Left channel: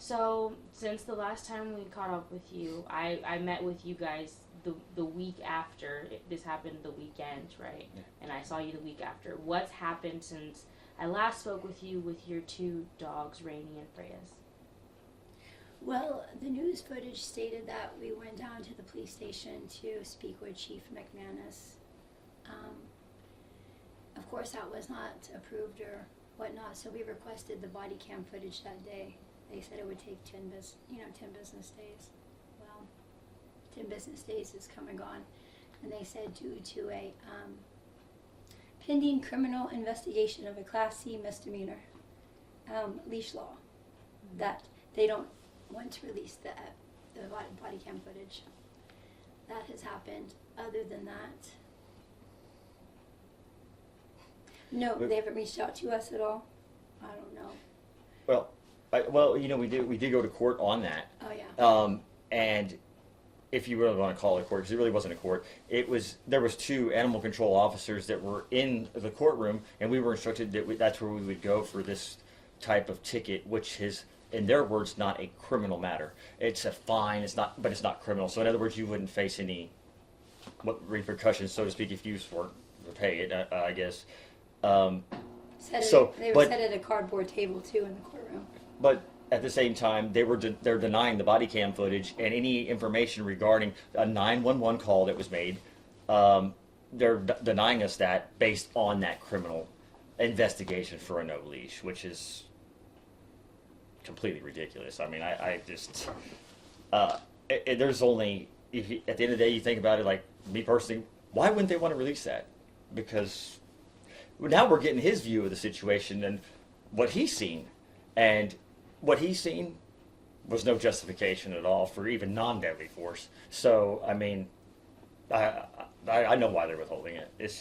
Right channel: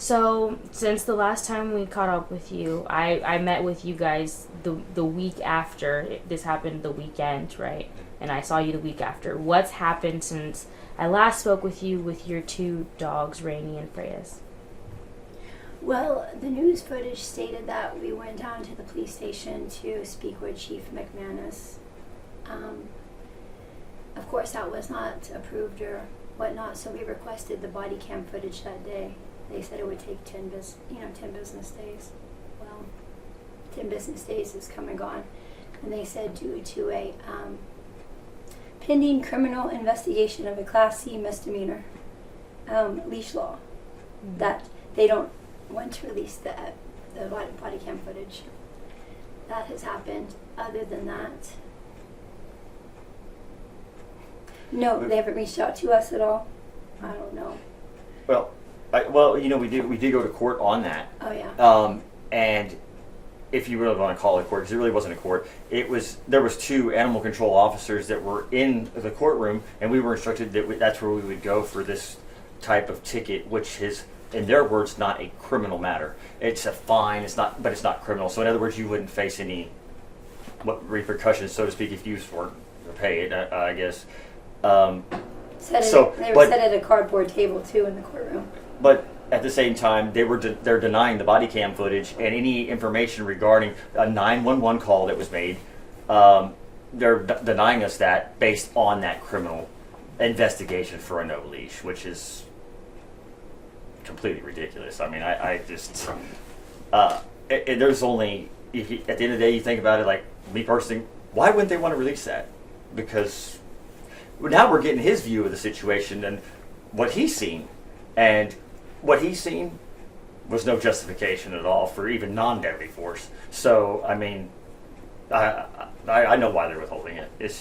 So, since the last time we caught up with you, I met with you guys the week after. This happened the weekend, right? And I saw you the week after. What's happened since I last spoke with you with your two dogs, Rainy and Freyas? Well, the news footage stated that we went down to the police station to speak with Chief McManus. Of course, that was not approved or whatnot, so we requested the body cam footage that day. They said it would take 10 business days. Well, 10 business days has come and gone. And they said due to a pending criminal investigation of a Class C misdemeanor, leash law, that they don't want to release the body cam footage. That has happened. Other than that, no, they haven't reached out to us at all. I don't know. We did go to court on that. Oh yeah. And if you really want to call it a court, because it really wasn't a court, there was two animal control officers that were in the courtroom, and we were instructed that that's where we would go for this type of ticket, which is, in their words, not a criminal matter. It's a fine. But it's not criminal. So in other words, you wouldn't face any repercussions, so to speak, if you weren't to pay it. I guess. They were set at a cardboard table too in the courtroom. But at the same time, they're denying the body cam footage and any information regarding a 911 call that was made. They're denying us that based on that criminal investigation for a no leash, which is completely ridiculous. I mean, I just there's only at the end of the day, you think about it, like me personally, why wouldn't they want to release that? Because now we're getting his view of the situation and what he's seen, and what he's seen was no justification at all for even non-deadly force. So, I mean, I know why they're withholding it. It's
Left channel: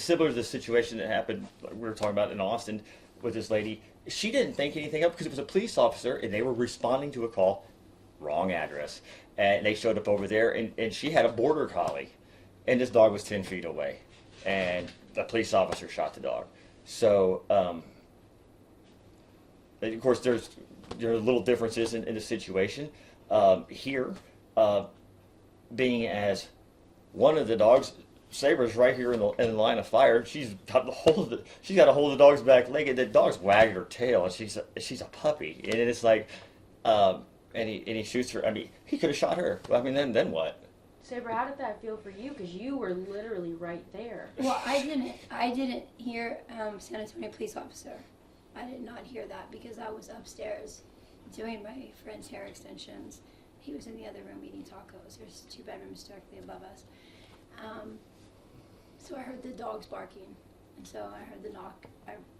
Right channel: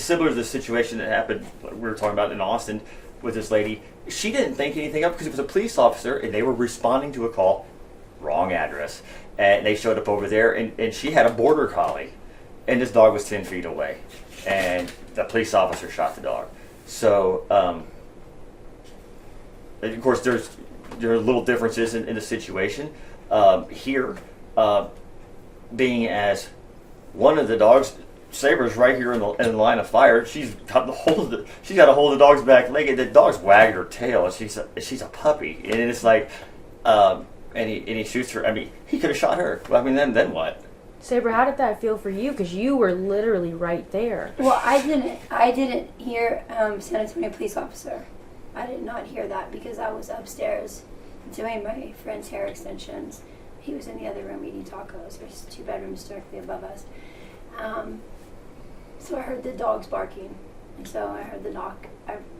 similar to the situation that happened, like we were talking about in Austin with this lady. She didn't think anything of it because it was a police officer and they were responding to a call, wrong address. And they showed up over there, and she had a border collie, and this dog was 10 feet away. And the police officer shot the dog. So, of course, there are little differences in the situation. Here, being as one of the dogs, Saybra's right here in the line of fire. She's got a hold of the dog's back leg. The dog's wagging her tail. She's a puppy, and it's like, and he shoots her. I mean, he could have shot her. I mean, then what? Saybra, how did that feel for you? Because you were literally right there. Well, I didn't hear San Antonio police officer. I did not hear that because I was upstairs doing my friend's hair extensions. He was in the other room eating tacos. There's 2 bedrooms directly above us. So I heard the dogs barking. And so I heard the knock.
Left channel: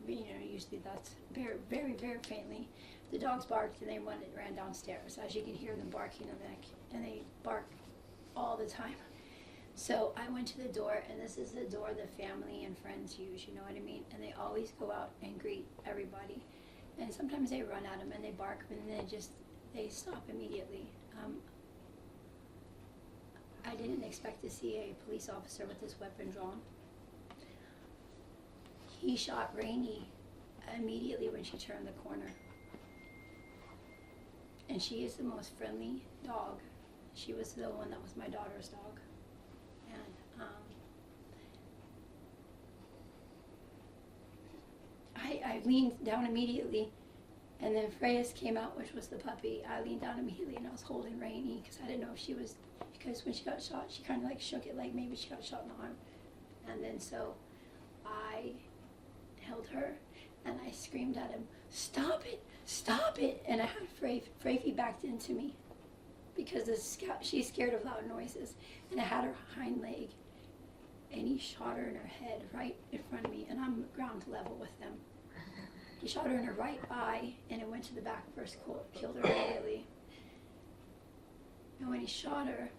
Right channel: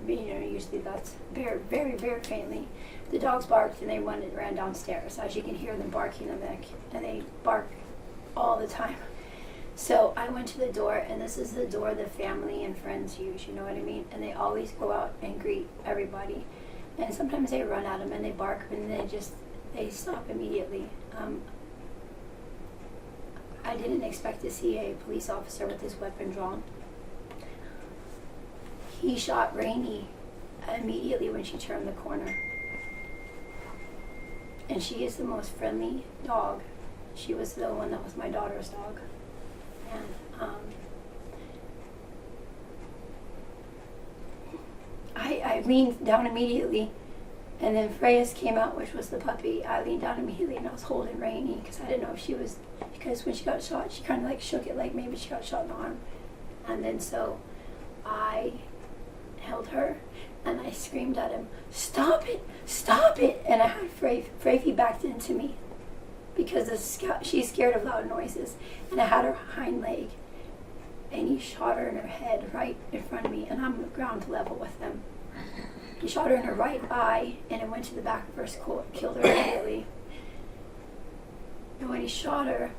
Usually that's very, very, very faintly. The dogs barked and they ran downstairs. As you can hear them barking, and they bark all the time. So I went to the door, and this is the door the family and friends use, you know what I mean? And they always go out and greet everybody. And sometimes they run at them and they bark, and they stop immediately. I didn't expect to see a police officer with his weapon drawn. He shot Rainy immediately when she turned the corner. And she is the most friendly dog. She was the one that was my daughter's dog. And I leaned down immediately, and then Freyas came out, which was the puppy. I leaned down immediately and I was holding Rainy because I didn't know if she was, because when she got shot, she kind of like shook it like maybe she got shot in the arm. And then so I held her and I screamed at him, "Stop it, stop it!" And I had Freyfi backed into me because she's scared of loud noises. And I had her hind leg, and he shot her in her head right in front of me, and I'm ground level with them. He shot her in her right eye, and it went to the back of her skull, killed her immediately. And when he shot her,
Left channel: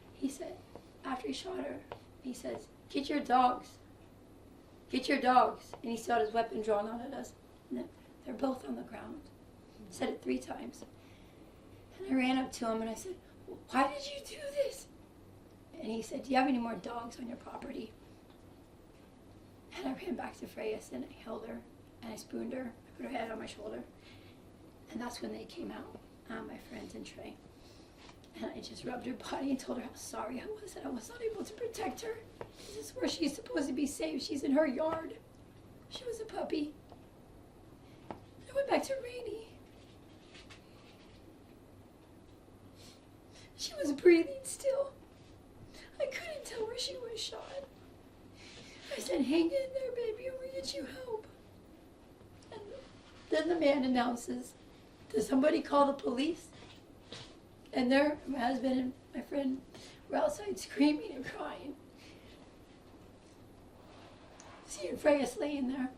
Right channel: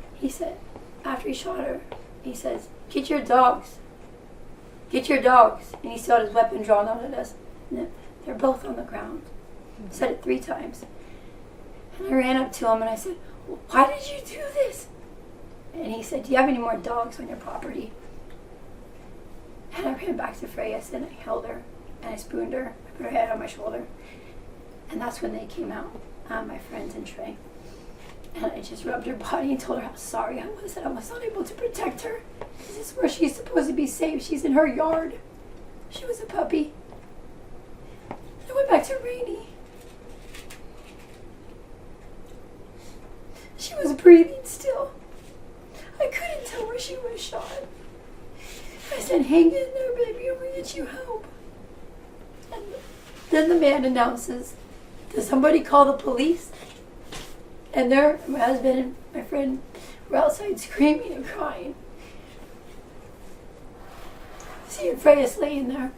after he shot her, he says, "Get your dogs. Get your dogs." And he still had his weapon drawn out at us. And they're both on the ground. He said it 3 times. And I ran up to him and I said, "Why did you do this?" And he said, "Do you have any more dogs on your property?" And I ran back to Freyas and I held her. and I spooned her. I put her head on my shoulder. And that's when they came out, my friends and Trey. And I just rubbed her body and told her how sorry I was that I was not able to protect her. This is where she's supposed to be safe. She's in her yard. She was a puppy. I went back to Rainey. She was breathing still. I couldn't tell where she was shot. I said, hang in there, baby, I'm gonna get you help. And then the man announces, does somebody call the police? And there, my husband and my friend were outside screaming and crying. Seeing Freya's laying there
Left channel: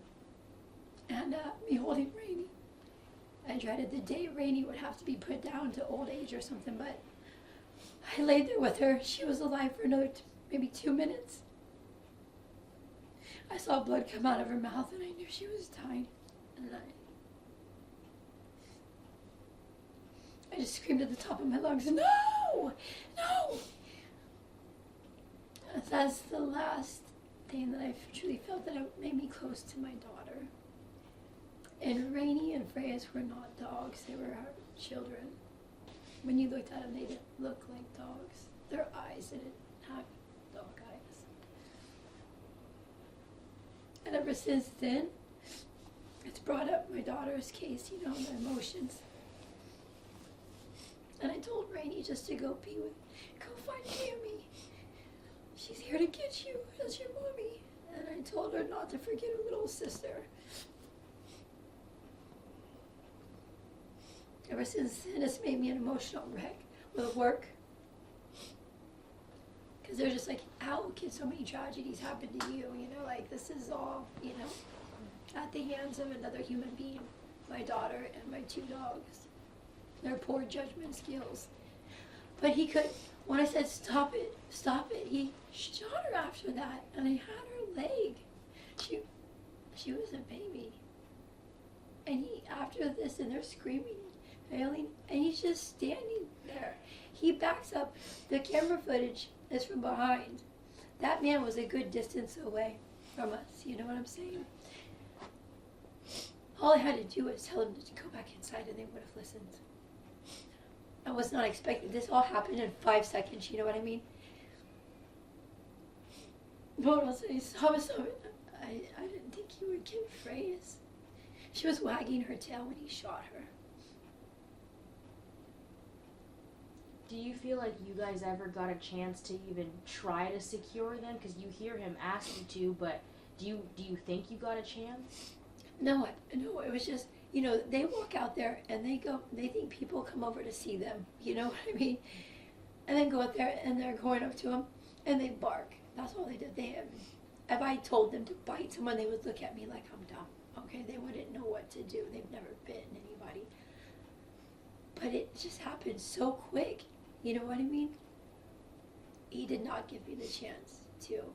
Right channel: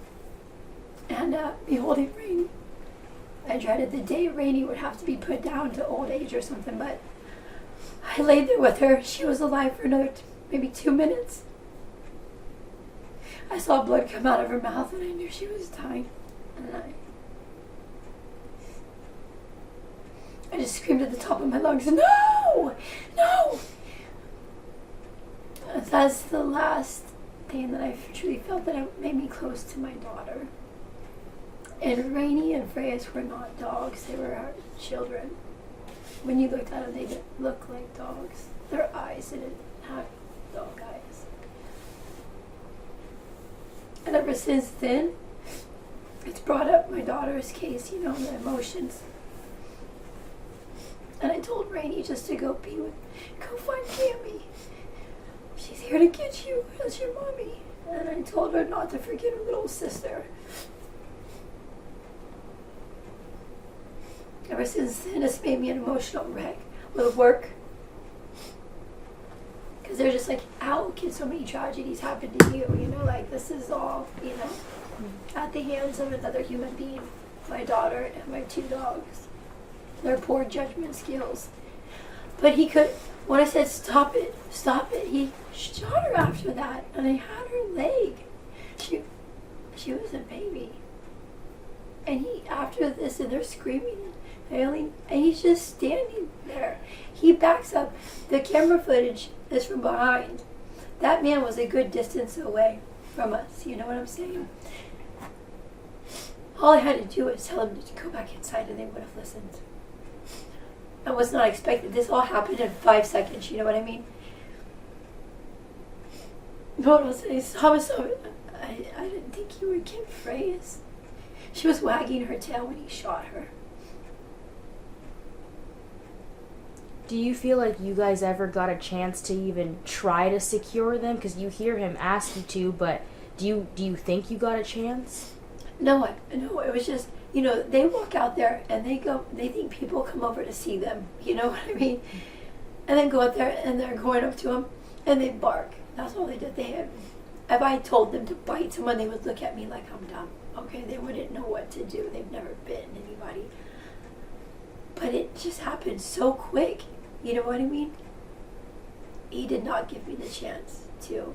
and me holding Rainey. I dreaded the day Rainey would have to be put down to old age or something, but I laid there with her. She was alive for another maybe 2 minutes. I saw blood come out of her mouth and I knew she was dying. And I just screamed at the top of my lungs, no! No! That's the last thing that I truly felt that made me close to my daughter. And Rainey and Freya's were not dogs, they were our children. When you looked at them, they didn't look like dogs. Their eyes didn't have dog eyes. And ever since then, it's brought up my daughter's case, you know, the emotions. And I told Rainey just to go find Cammy. She's here to get you, that's your mommy. And I told her not to forget her little sister. Ever since then, it's made me an emotional wreck with work. Because they're just like, how can so many tragedies happen to you? You know, like this is all, you know, at the hands of another human being. My daughter and my 2 dogs. Their poor judgment skills. But he could, when I said stop it, he shot her after that. And I had her leg. She was a baby. And after this, and they're screaming, and he's just standing there. He backs up. The camera footage is from behind. That man was a good distance away from us. You know what I'm saying? All I had to do was tell him to go back inside, and they would have listened. I was not expecting. This all happened in 5 seconds. You know what I mean? No, I didn't think you would get Freya's. She was wagging her tail when he shot her. Do you feel like you guys ever got a chance to even try to secure them? Because you hear him ask you to, but do you think you got a chance? No, it was just, you know, they walk out there and they think people come over to see them. You know what I mean? And then go out there and they're going up to them and they bark. That's all they did. If I told them to bite someone, they would look at me like I'm dumb. Okay, they wouldn't know what to do. They've never bitten anybody. But it just happened so quick. You know what I mean? He did not give me the chance to,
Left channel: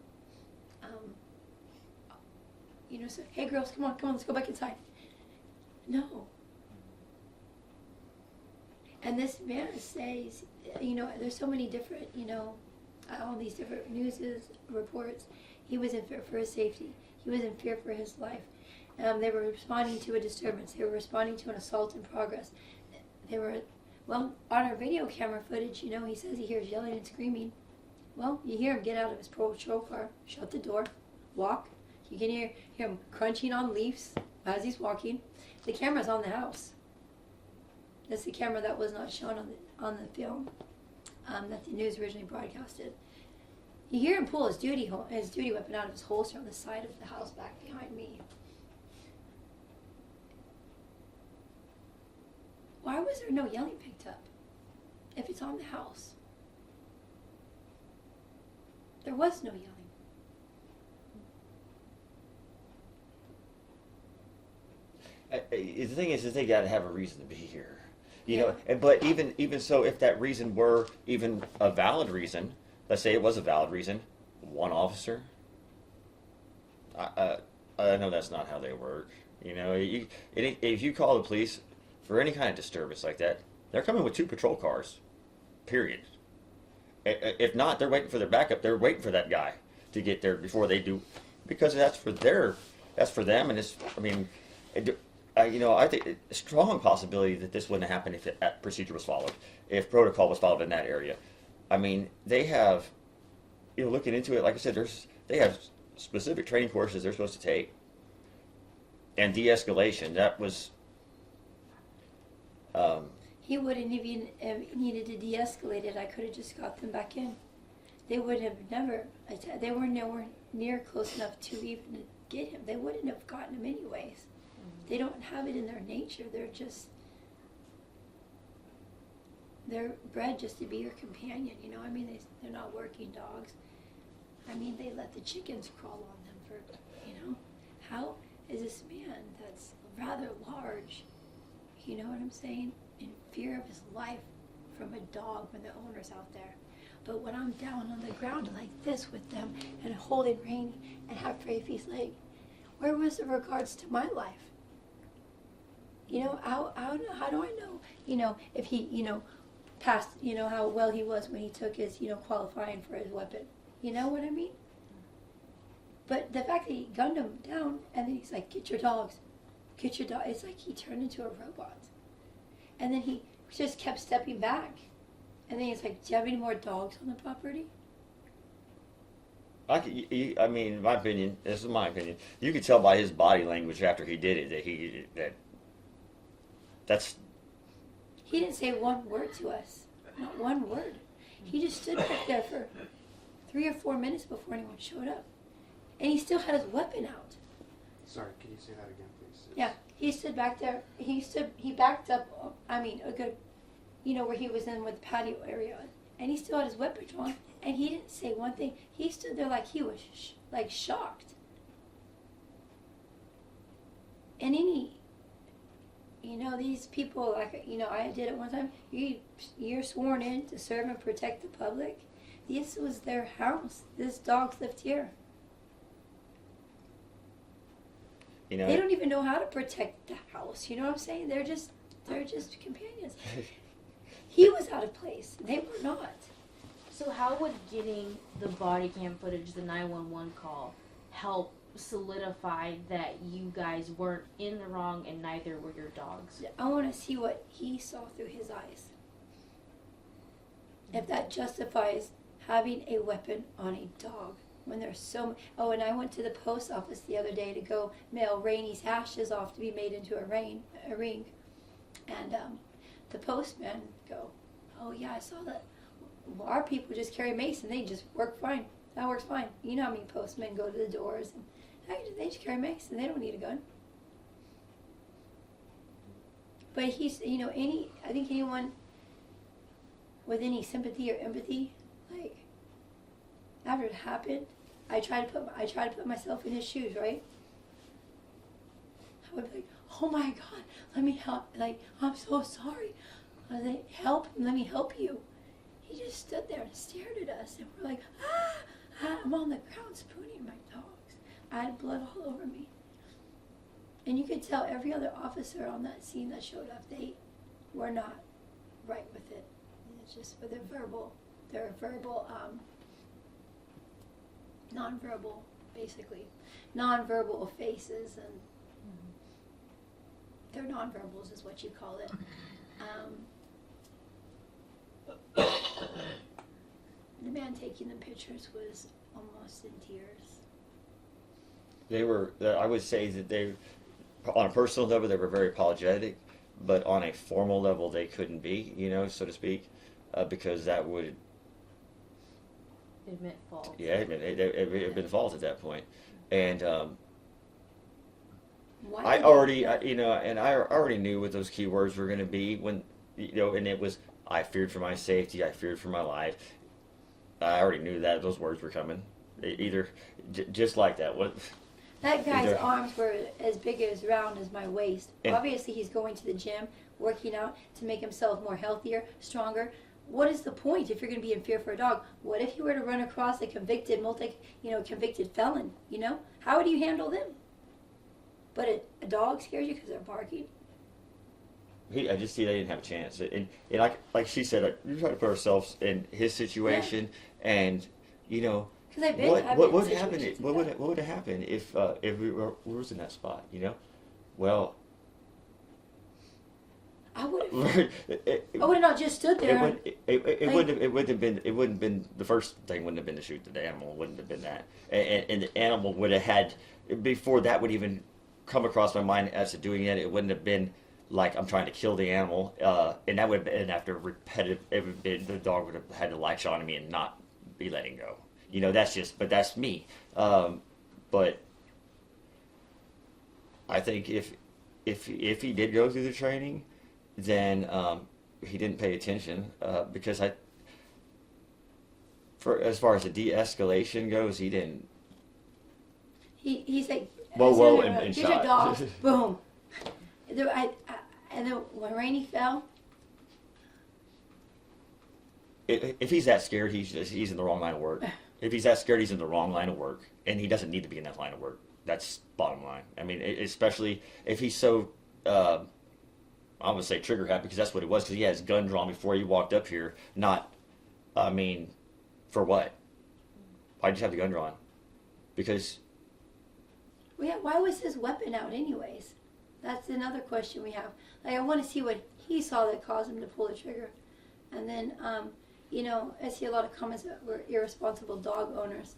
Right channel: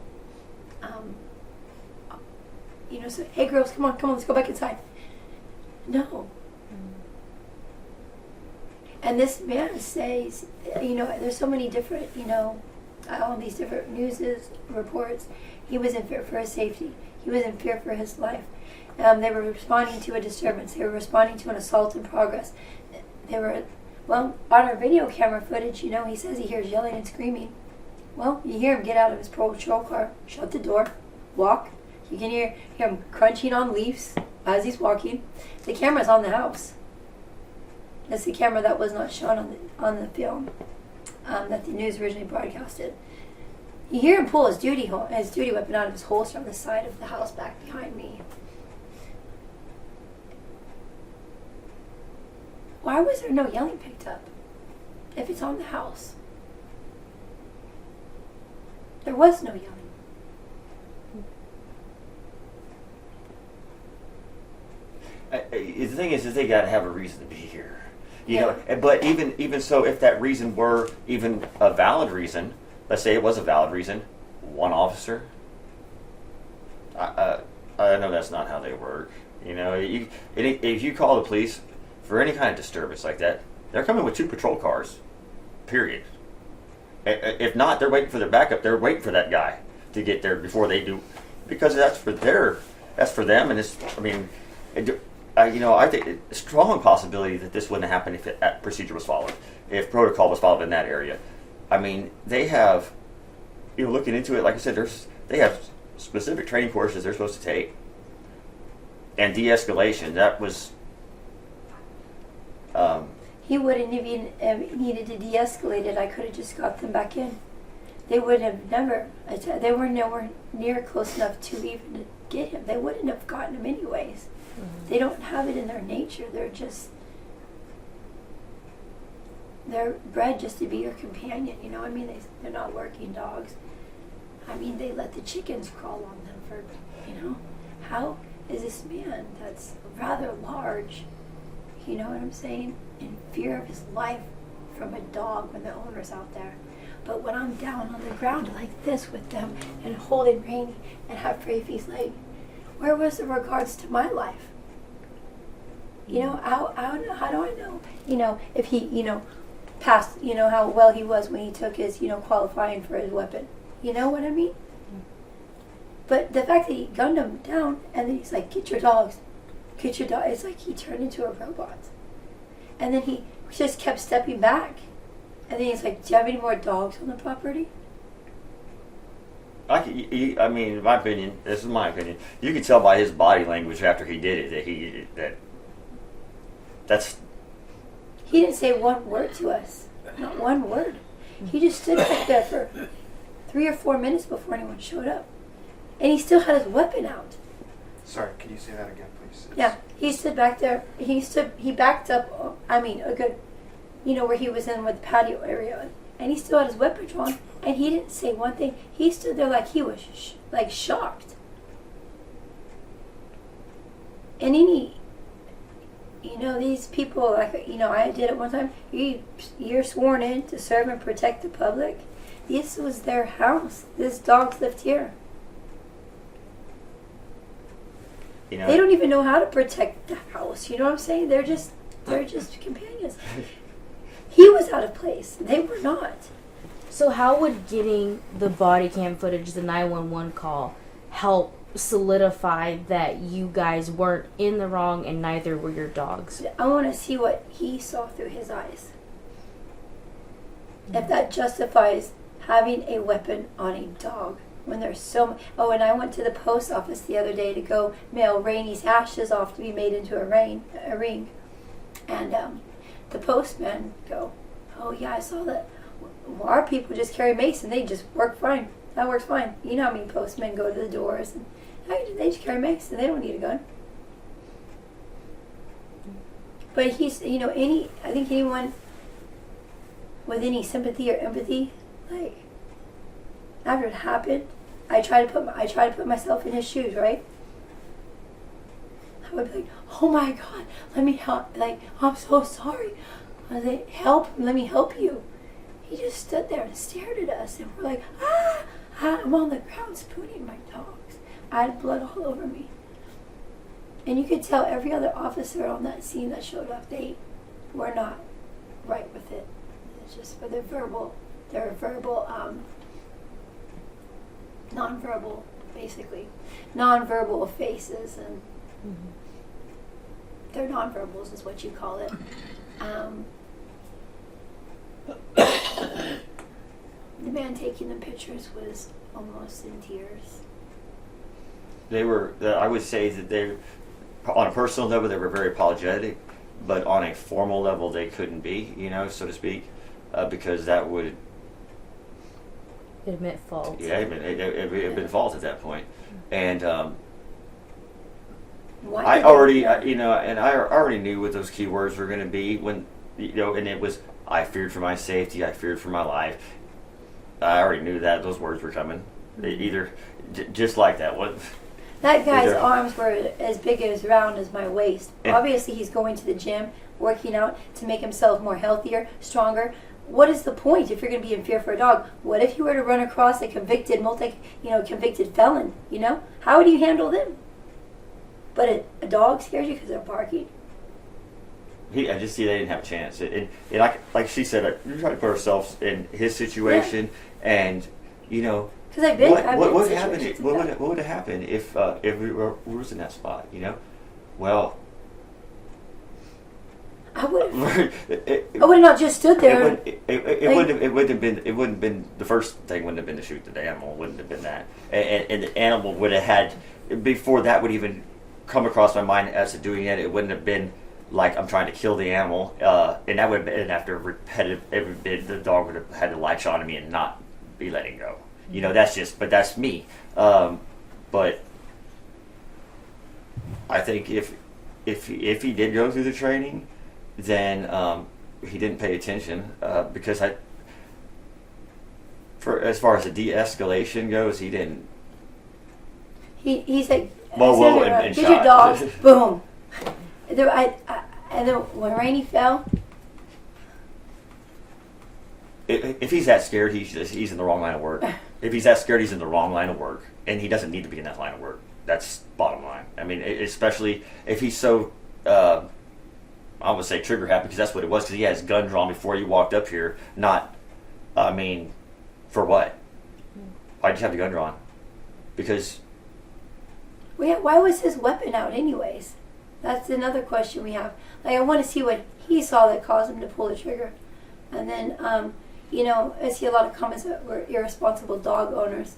you know, say, hey girls, come on, let's go back inside. No. And this man says, you know, there's so many different, you know, all these different news reports. He was in fear for his safety. He was in fear for his life. They were responding to a disturbance. They were responding to an assault in progress. They were, well, on our video camera footage, you know, he says he hears yelling and screaming. Well, you hear him get out of his patrol car, shut the door, walk. You can hear him crunching on leaves as he's walking. The camera's on the house. That's the camera that was not shown on the film that the news originally broadcasted. You hear him pull his duty weapon out of his holster on the side of the house back behind me. Why was there no yelling picked up if it's on the house? There was no yelling. The thing is they got to have a reason to be here. You know, but even so, if that reason were even a valid reason, let's say it was a valid reason, one officer. I know that's not how they work. You know, if you call the police for any kind of disturbance like that, they're coming with 2 patrol cars. Period. If not, they're waiting for their backup. They're waiting for that guy to get there before they do, because that's for them. And it's, I mean, I think it's a strong possibility that this wouldn't happen if that procedure was followed, if protocol was followed in that area. I mean, they have, looking into it, like I said, they have specific training courses they're supposed to take. And de-escalation, that was... He wouldn't even needed to de-escalate it. I could have just got them back in. They would have never, they were nowhere near close enough to even get him. They wouldn't have gotten him anyways. They don't have it in their nature. They're bred just to be your companion, I mean, they're not working dogs. I mean, they let the chickens crawl on them for, how is this man that's rather large, you know what I'm saying, in fear of his life from a dog when the owner's out there? But when I'm down on the ground like this with them and holding Rainy and have Rafie's leg, where was the regards to my life? How do I know, if he, passed, how well he was when he took his, qualifying for his weapon. You know what I mean? But the fact that he gunned him down and then he's like, get your dogs. It's like he turned into a robot. And then he just kept stepping back. And then he's like, do you have any more dogs on the property? I mean, in my opinion, this is my opinion, you could tell by his body language after he did it that's... He didn't say one word to us. Not one word. He just stood back there for 3 or 4 minutes before anyone showed up. And he still had his weapon out. Sorry, can you say that again, please? Yeah, he stood back there. He backed up, a good, where he was in with the patio area. And he still had his weapon drawn. And he didn't say one thing. He stood there like he was, shocked. And these people, I did it one time. You're sworn in to serve and protect the public. This was their house. This dogs lived here. They don't even know how to protect the house. You know what I'm saying? They're just companions. He was out of place. They were not. So how would getting the body cam footage, the 911 call, help solidify that you guys weren't in the wrong and neither were your dogs? I want to see what he saw through his eyes. If that justifies having a weapon on a dog when there's so... Oh, and I went to the post office the other day to go mail Rainy's ashes off to be made into a ring. And the postman go, oh yeah, I saw that. Well, our people just carry mace and they just work fine. That works fine. You know how many postmen go to the doors and they just carry mace and they don't need a gun. But he's, I think anyone with any sympathy or empathy, after it happened, I try to put myself in his shoes, right? I would be like, oh my God, let me help. I'm so sorry. I was like, help, let me help you. He just stood there and stared at us, and we're like, I'm on the ground spooning my dogs. I had blood all over me. And you could tell every other officer on that scene that showed up, they were not right with it. It's just for their verbal, nonverbal, basically. Nonverbal faces, and their nonverbals is what you call it. The man taking the pictures was almost in tears. They were, I would say that they, on a personal level, they were very apologetic, but on a formal level, they couldn't be, so to speak, because that would... Admit fault. Yeah, it had been fault at that point. And I already, and I already knew what those keywords were going to be when, and it was, I feared for my safety, I feared for my life. I already knew that those words were coming. Just like that. That guy's arms were as big as round as my waist. Obviously, he's going to the gym, working out to make himself more healthier, stronger. What is the point if you're going to be in fear for a dog? What if you were to run across a convicted convicted felon? How would you handle them? But a dog scares you because they're barking. I just see they didn't have a chance. Like she said, we try to put ourselves in his situation, and because I've been what would happen? What would have happened if we was in that spot? Well, I would have. it I would have not just stood there. wouldn't have been the first thing. Wouldn't have been to shoot the animal. Wouldn't have been that, and the animal would have had before that would even come across my mind as to doing it. It wouldn't have been like I'm trying to kill the animal, and that would have been after repetitive. The dog would have had to latch on to me and not be letting go. You know, but that's me. But I think if he did go through the training, then he didn't pay attention because as far as the de-escalation goes, he didn't. He's like, Well, and here's shot. your dog, boom. And then when Rainey fell, If he's that scared, he's in the wrong line of work. If he's that scared, he's in the wrong line of work, and he doesn't need to be in that line of work. That's bottom line. I mean, especially if he's so, I would say trigger happy, because that's what it was. Because he had his gun drawn before he walked up here. Not, I mean, for what? Why'd you have the gun drawn? Because. why was his weapon out anyways? That's another question we have. Like, I want to see what he saw that caused him to pull the trigger. And then, you know, I see a lot of comments that were irresponsible dog owners.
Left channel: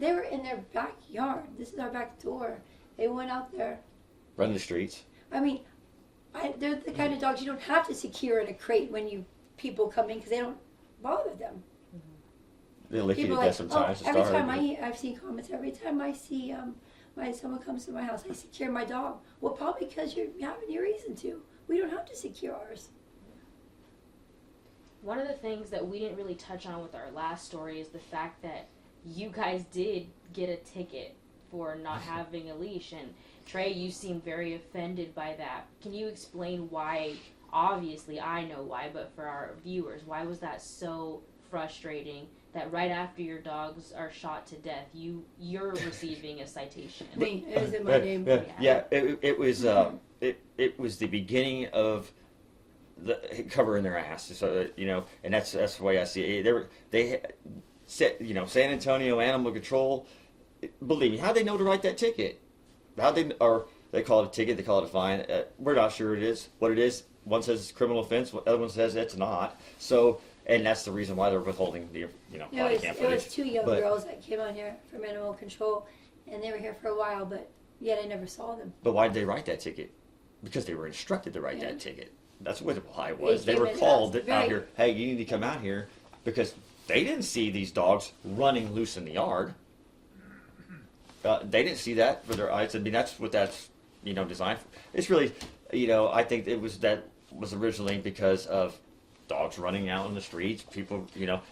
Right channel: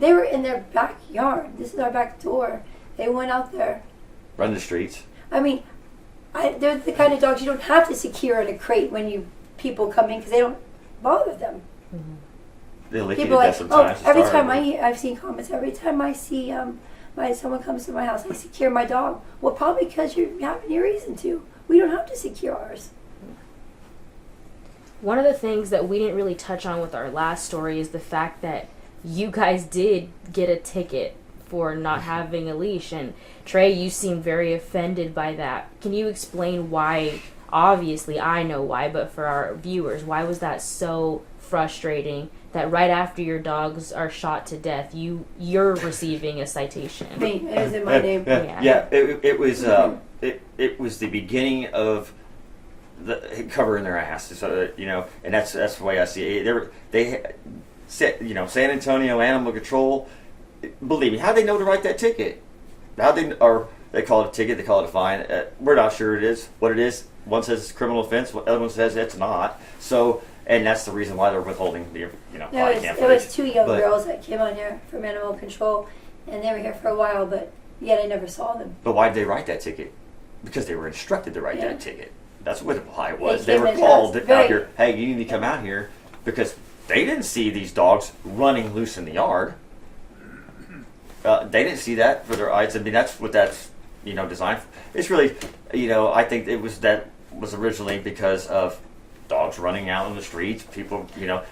They were in their backyard. This is our back door. They went out there. Run the streets. I mean, they're the kind of dogs you don't have to secure in a crate when people come in because they don't bother them. They lick you People to are death like, sometimes. every time I've seen comments, every time I see someone comes to my house, I secure my dog. Well, probably because you have any reason to. We don't have to secure ours. One of the things that we didn't really touch on with our last story is the fact that you guys did get a ticket for not having a leash. And Trey, you seem very offended by that. Can you explain why? Obviously, I know why, but for our viewers, why was that so frustrating that right after your dogs are shot to death, you're receiving a citation? Me, it is in my name. Yeah, it was it was the beginning of the covering their ass. So you know, and that's the way I see it. They San Antonio Animal Control. Believe me, how they know to write that ticket? They call it a ticket, they call it a fine. We're not sure what it is. One says it's a criminal offense, the other one says it's not. So, and that's the reason why they're withholding the body cam It footage. was two young girls that came on here from Animal Control, and they were here for a while, but yet I never saw them. But why did they write that ticket? Because they were instructed to write that ticket. That's why it was. They were came in called fast. out here, hey, you need to come out here, because they didn't see these dogs running loose in the yard. They didn't see that for their eyes. I mean, that's what that's designed for. It's really, I think that was originally because of dogs running out in the streets. People,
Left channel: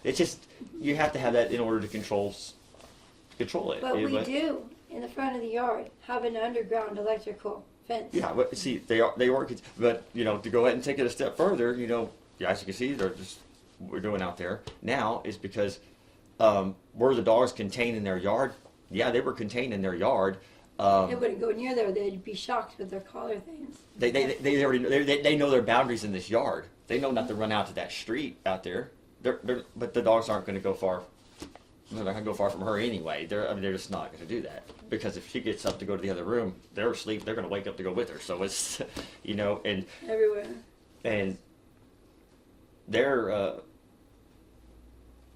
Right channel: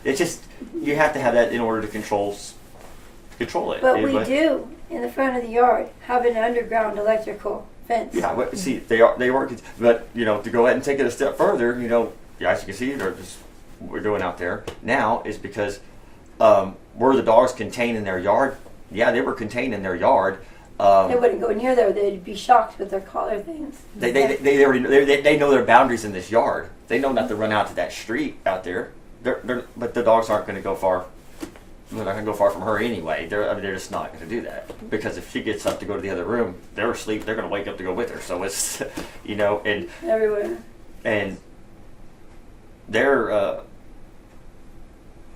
it's just you have to have that in order to control it. But we do in the front of the yard have an underground electrical fence. Yeah, but see, they work. But to go ahead and take it a step further, as you can see, we're doing out there now is because were the dogs contained in their yard? Yeah, they were contained in their yard. They wouldn't go near there. They'd be shocked with their collar things. They already they know their boundaries in this yard. They know not to run out to that street out there. But the dogs aren't going to go far. They're not going to go far from her anyway. They're just not going to do that, because if she gets up to go to the other room, they're asleep. They're going to wake up to go with her. So it's and everywhere. And their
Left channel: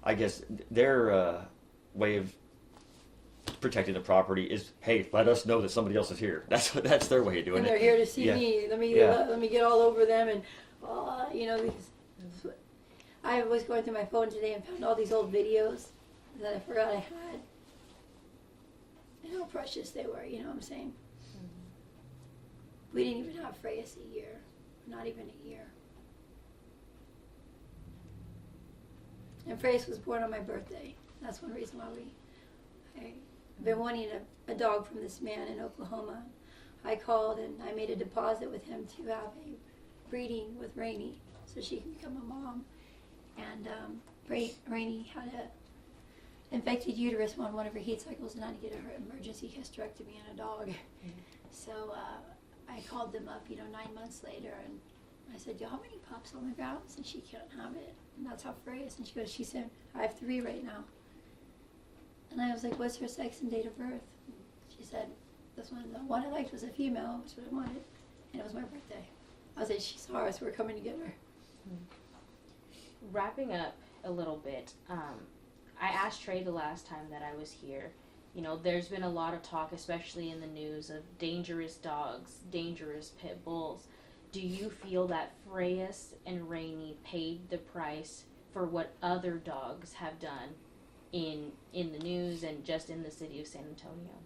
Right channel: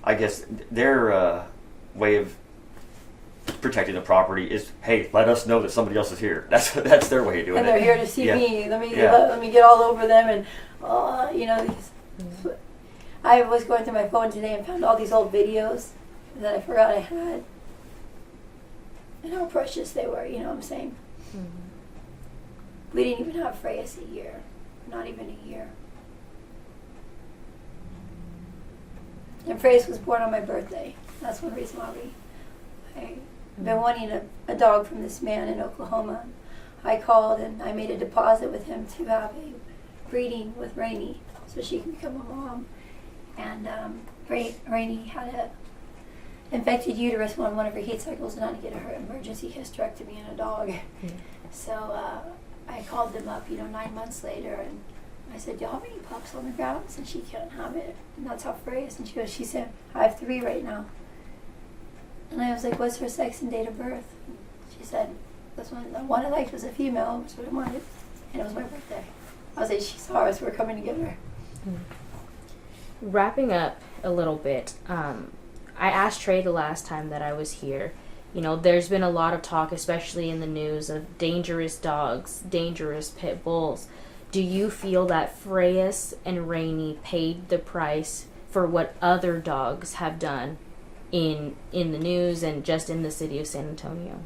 I guess their way of protecting the property is, hey, let us know that somebody else is here. That's their way of doing it. And they're here to see me. Let me get all over them, and these. I was going through my phone today and found all these old videos that I forgot I had, and how precious they were. You know what I'm saying? Mm-hmm. We didn't even have Freya's a year, not even a year. And Freya's was born on my birthday. That's one reason why I've been wanting a dog from this man in Oklahoma. I called and I made a deposit with him to have a breeding with Rainey so she can become a mom. And Rainey had a infected uterus on one of her heat cycles and had to get her emergency hysterectomy in a dog. Yeah. So I called them up, 9 months later, and I said, "Do y'all have any pups on the ground?" And she can't have it. And that's how Freya is. And she said, "I have 3 right now." And I was like, "What's her sex and date of birth?" She said, This one, the one I liked was a female, which is what I wanted, and it was my birthday. I was like, she saw us, we're coming to get her. Wrapping up a little bit, I asked Trey the last time that I was here. You know, there's been a lot of talk, especially in the news, of dangerous dogs, dangerous pit bulls. Do you feel that Freyas and Rainey paid the price for what other dogs have done in the news and just in the city of San Antonio?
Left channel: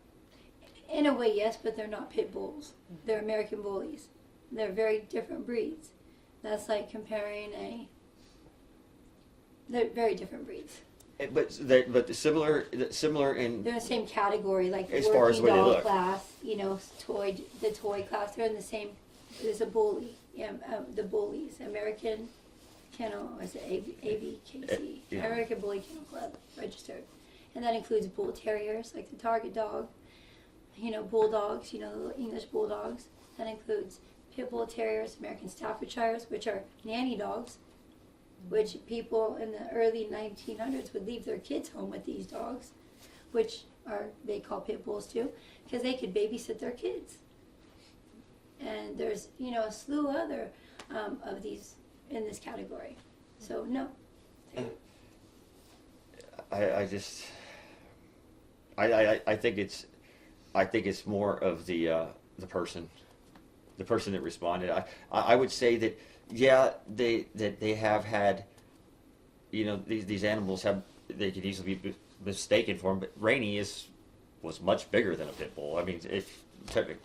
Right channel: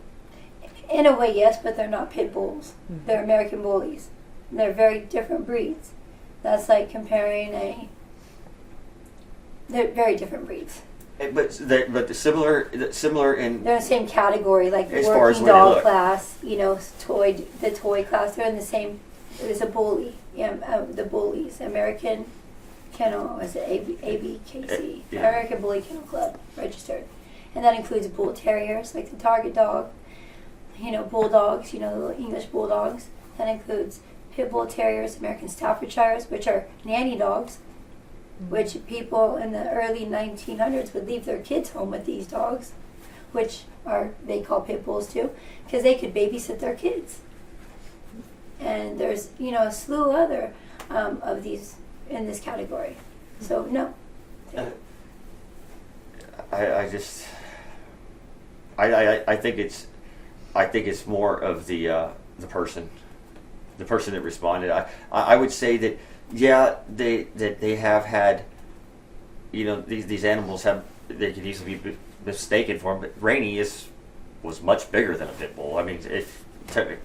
In a way, yes, but they're not pit bulls. Mm-hmm. They're American bullies. And they're very different breeds. That's like comparing they're very different breeds. But similar in They're in the same category, like as far as working where they dog look. class, you know, the toy class. They're in the same. There's a bully, the bullies, American Kennel, was it ABKC, Yeah. American Bully Kennel Club, registered, and that includes bull terriers, like the target dog, you know, bulldogs, you know, the little English bulldogs. That includes pit bull terriers, American Staffordshires, which are nanny dogs, which people in the early 1900s would leave their kids home with these dogs, which they call pit bulls too, because they could babysit their kids. And there's, you know, a slew other of these in this category. So no. I think it's more of the person that responded. I would say that they have had, you know, these animals they could easily be mistaken for them, but Rainey was much bigger than a pit bull. I mean, pit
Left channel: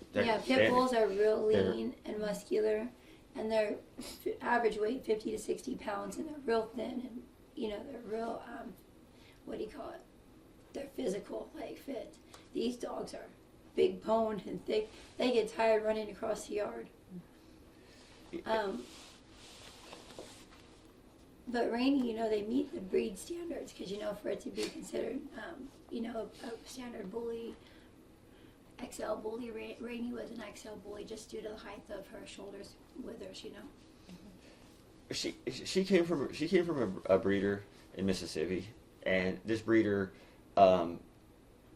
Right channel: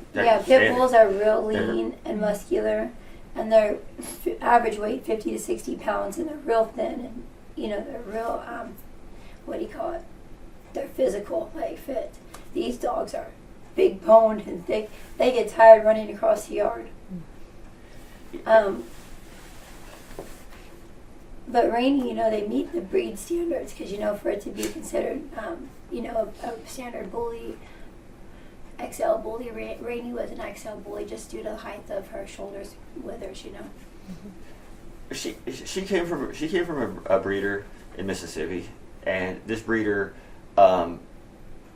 bulls are real lean and muscular, and their average weight 50 to 60 pounds, and they're real thin, and you know, they're real what do you call it? They're physical, like fit. These dogs are big boned and thick. They get tired running across the yard. But Rainey, you know, they meet the breed standards, because, you know, for it to be considered, you know, a standard bully, XL bully, Rainey was an XL bully just due to the height of her shoulders, withers, you know. She came from a breeder in Mississippi, and this breeder, I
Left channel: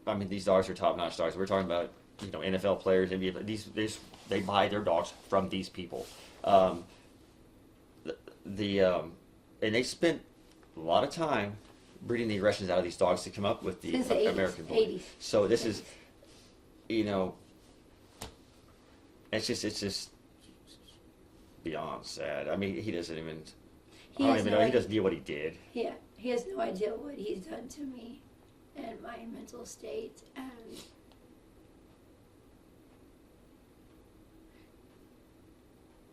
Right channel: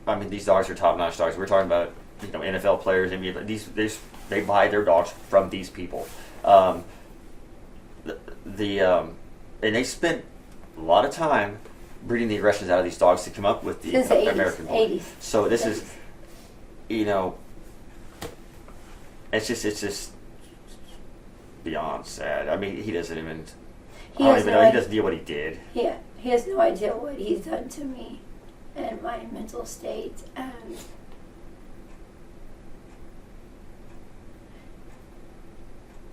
mean, these dogs are top-notch dogs. We're talking about, you know, NFL players, NBA, they buy their dogs from these people. And they spent a lot of time breeding the aggressions out of these dogs to come up with the American Bully. 80s. So this is, you know, it's just beyond sad. I mean, he doesn't even. He doesn't know what he did. Yeah, he has no idea what he's done to me and my mental state, and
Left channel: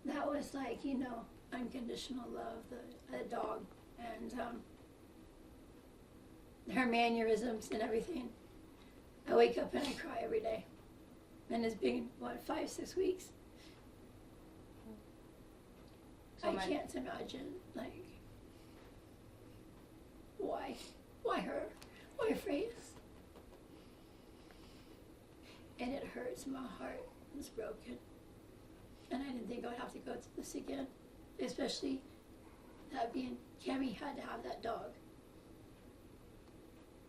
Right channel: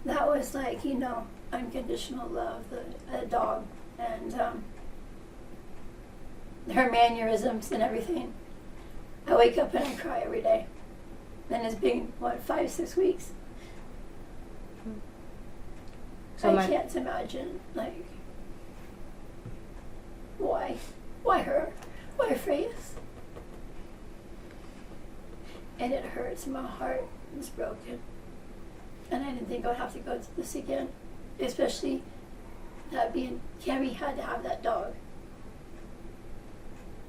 that was like, you know, unconditional love, the dog, and her mannerisms and everything. I wake up and I cry every day, and it's been 5-6 weeks. So I can't imagine, like, why her? Why Freyas? And it hurts. My heart is broken. And I didn't think I would have to go through this again. Especially that Cammy had to have that dog.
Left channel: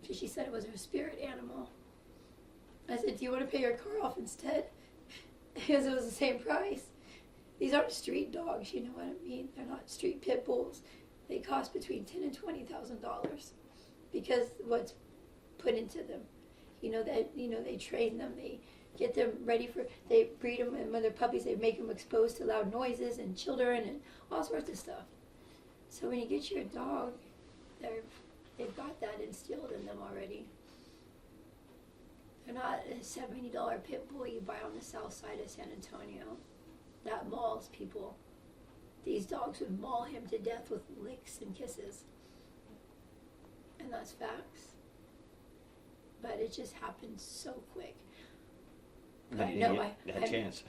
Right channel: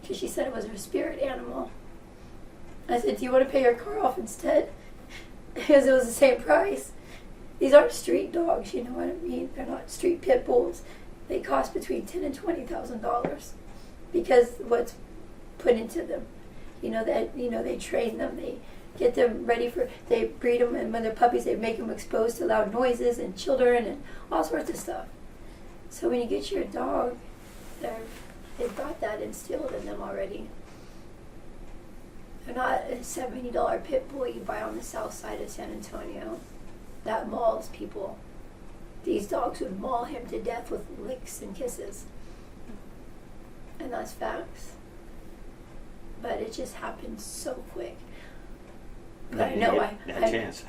Because she said it was her spirit animal. I said, do you want to pay your car off instead? Because it was the same price. These aren't street dogs, you know what I mean? They're not street pit bulls. They cost between $10,000 and $20,000 because what's put into them. You know that, you know, they train them, they get them ready they breed them, and when they're puppies, they make them exposed to loud noises and children and all sorts of stuff. So when you get your dog, they've got that instilled in them already. They're not a $70 pit bull you buy on the south side of San Antonio. That mauls people. These dogs would maul him to death with licks and kisses. And that's facts. But it just happened so quick. But I know I managed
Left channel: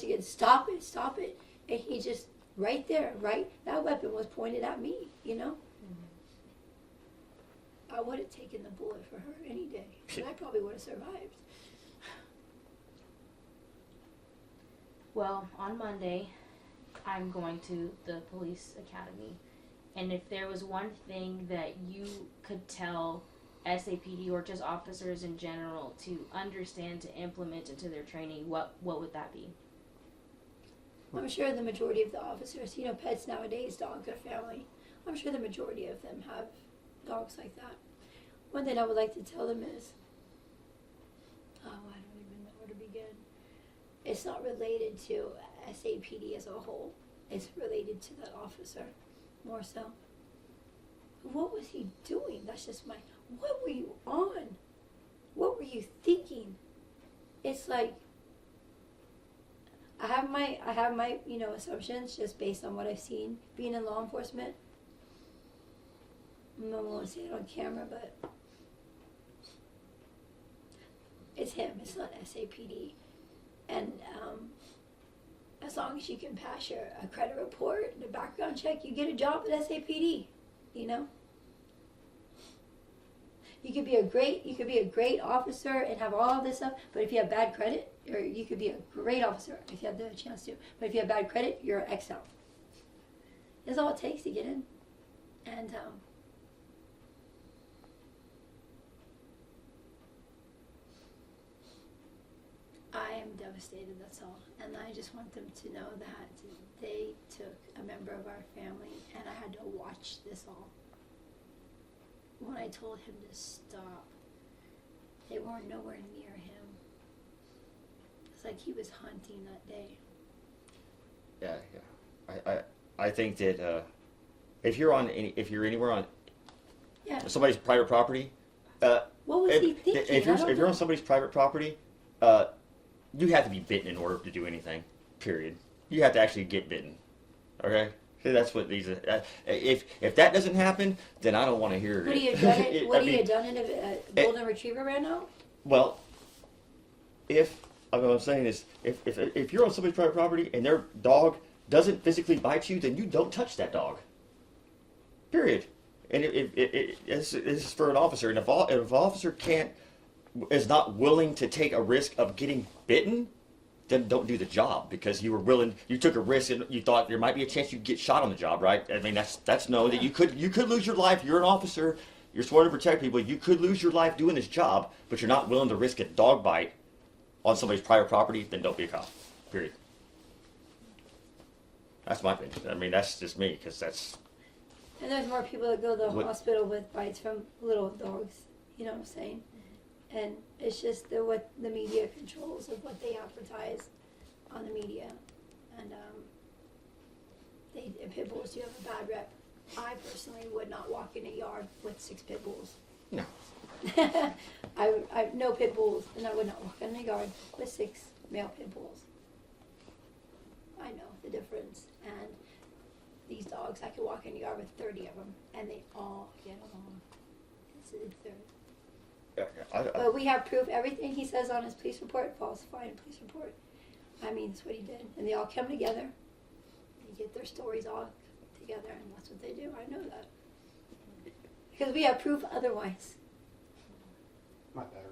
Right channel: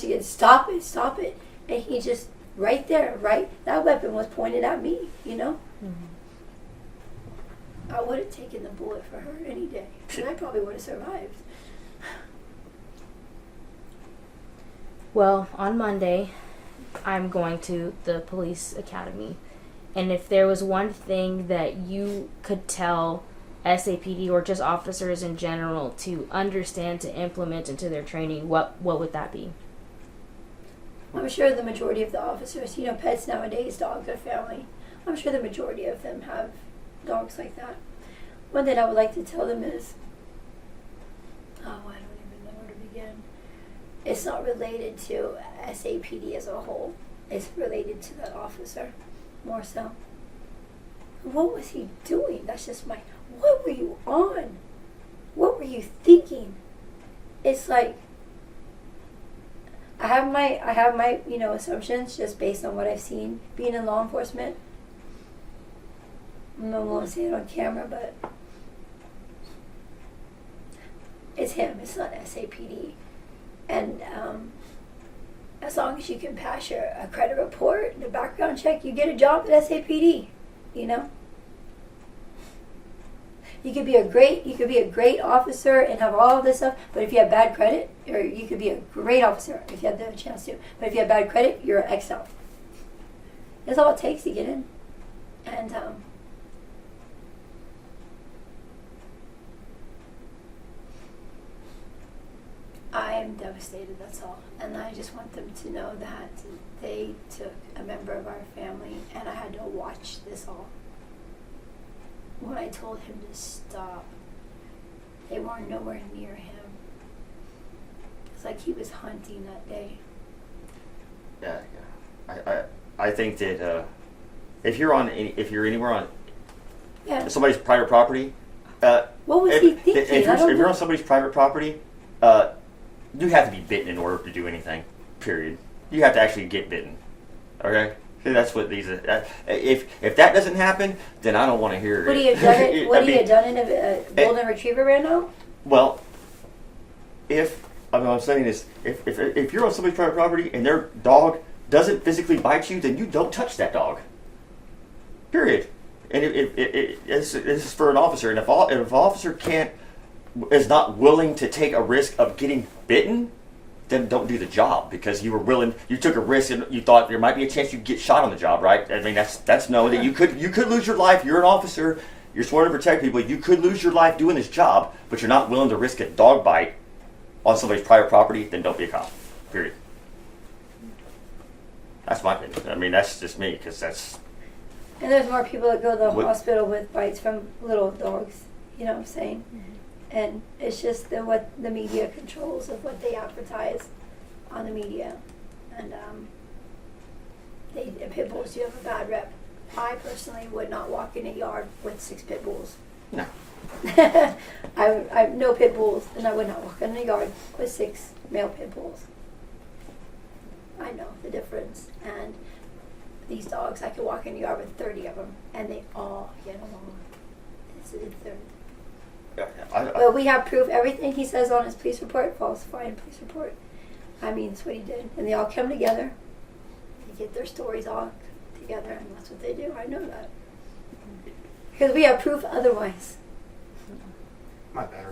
to get, stop it. And he just, right there, that weapon was pointed at me, you know? Mm-hmm. I would have taken the bullet for her any day. And I probably would have survived. Well, on Monday, I'm going to the police academy. And if there was one thing that you could tell SAPD or just officers in general to understand, to implement into their training, what would that be? I'm sure the majority of the officers, pets nowadays, dogs are family. I'm sure the majority of them have dogs like that. One thing I would like to tell them is, I don't even know where to begin. It's not related to SAPD as a whole. It's related to that officer, more so. What was he doing? That's just what were you on? What were you thinking? It's like, I have my assumptions just based on what I've seen being in law enforcement. I won't say it on camera, but it's him. It's not SAPD. And as long as you can pass a credit report, the background check, you get a job at SAPD. You could be a great officer and have all this stuff, but if you have bad credit, or you could be a great officer if you had the chance to, but if you have bad credit, you're exiled. That's all it takes to get in. And I am devastated, that's all. And I just want them to know that they took a member of our family, and I had to watch this all. When I told him to stop, they weren't nowhere near him. It's like he was hunting that day. Yeah. I think that if you're anywhere on somebody's private property, what was he thinking? If you're on somebody's private property, you have to be bitten in order to do anything. Period. You have to actually get bitten. Okay. That's what these. If that doesn't happen, then I don't want to hear Would it. he have done it? Would he have done it if a golden retriever ran out? Well, I'm saying this, if you're on somebody's private property and their dog doesn't physically bite you, then you don't touch that dog. Period. And this is for an officer, and if an officer is not willing to take a risk of getting bitten, then don't do the job, because you took a risk and you thought there might be a chance you'd get shot on the job, right? I mean, that's knowing that you could lose your life. You're an officer. You're sworn to protect people. You could lose your life doing this job, but you're not willing to risk a dog bite on somebody's private property, then don't be a cop. Period. That's my opinion. I mean, that's just me, because that's... And there's more people that go to the hospital with bites from little dogs, you know what I'm saying? Mm-hmm. And it's just what the media controls of what they advertise on the media. And pit bulls do have a bad rep. I personally would not walk in a yard with 6 pit bulls. No. I have no pit bulls, and I would not walk in a yard with 6 male pit bulls. I know the difference. And these dogs, I could walk in a yard with 30 of them, and they all get along. But we have proof. Everything he says on his police report, falsifying police report. I mean, that's what he did. And they all come together. They get their stories all together, and that's what they do. I know that. Because we have proof otherwise. My battery.